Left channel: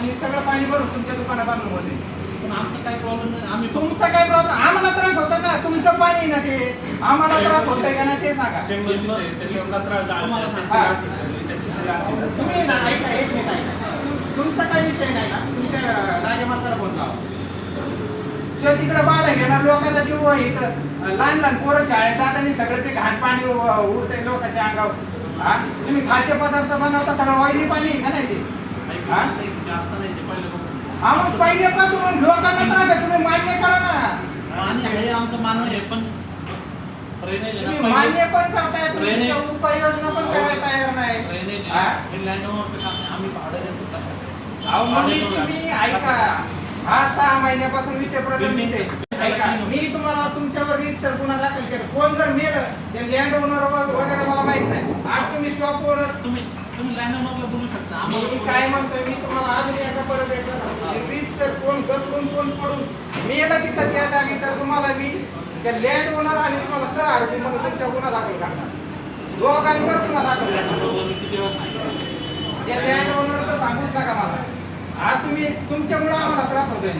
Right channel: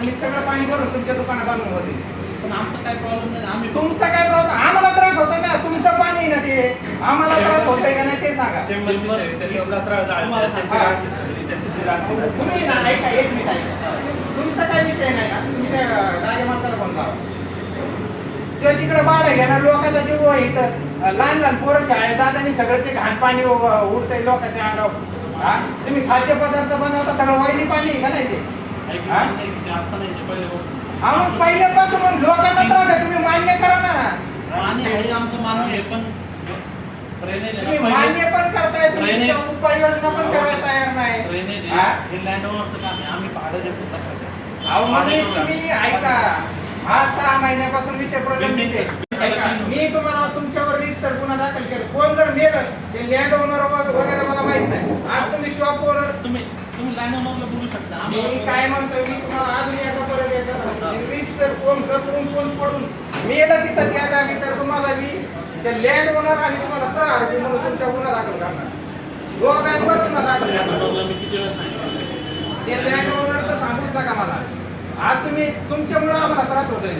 मी सगळं पाणी भरून तुमच्या दुकानात आणलं होते. पण आमचा काही प्रॉब्लेम नाही. आम्ही तुमचा काय प्रॉब्लेम? आम्हाला त्रास होतो ना, तुमचं पाणी ना ते आम्हाला त्रास होतोय की नाही ते सांगा. तुम्ही ना ऐका, एक मिनिट ऐका. तुमचा काय विषय नाही ना, तुमच्या राजमाताला फोन लावा. किंवा तिकडे भाडं घेणार लोकांचा जीव आहे इथं. लहान लहान पोरं शाळेत जाताना सगळं ते घाण पाणी उडतंय लोकांच्या अंगावर. हा तुम्ही खाद्यपदार्थ बनवता सगळं वाईली पाणी आहे का नाही ते? हा मग पहिल्यापासून मग लोकांना त्रास आहे, तुम्ही मान्य करा ना. आणि हे आमचं मान्य आहे, पण तुम्ही मान्य पण करताय, तुम्ही उपाययोजना पण करायला तयार नाही. आम्ही भाडं देतो. अहो मग तुम्ही ऐका, हा 6 महिन्यापासून विषय प्रलंबित आहे. ऐका, मी तुम्हाला तुमच्यावर रीतसर गुन्हा दाखल केला. कोण जर मेलं ते लँड ओनर वगैरे मला माहित नाही. आज तुम्ही शॉप ओनर, तुम्ही लाईन मधलं बोलू शकता. मी काय म्हणतोय, मी तुम्हाला अजून एकदा परत येतो, रीतसर कोण घसरून कोण पडून मेलं तिथं त्या जागी, तर तुम्हाला मी त्या लँड ओनर आणि तुम्हाला सहआरोपी म्हणून तुमच्या गुन्हा दाखल करणार. दोघांवर गुन्हा दाखल करणार. ते लँड ओनरचं सांगूच नका मला. आज तुम्ही तुमच्यामुळे आम्हाला त्रास होतोय.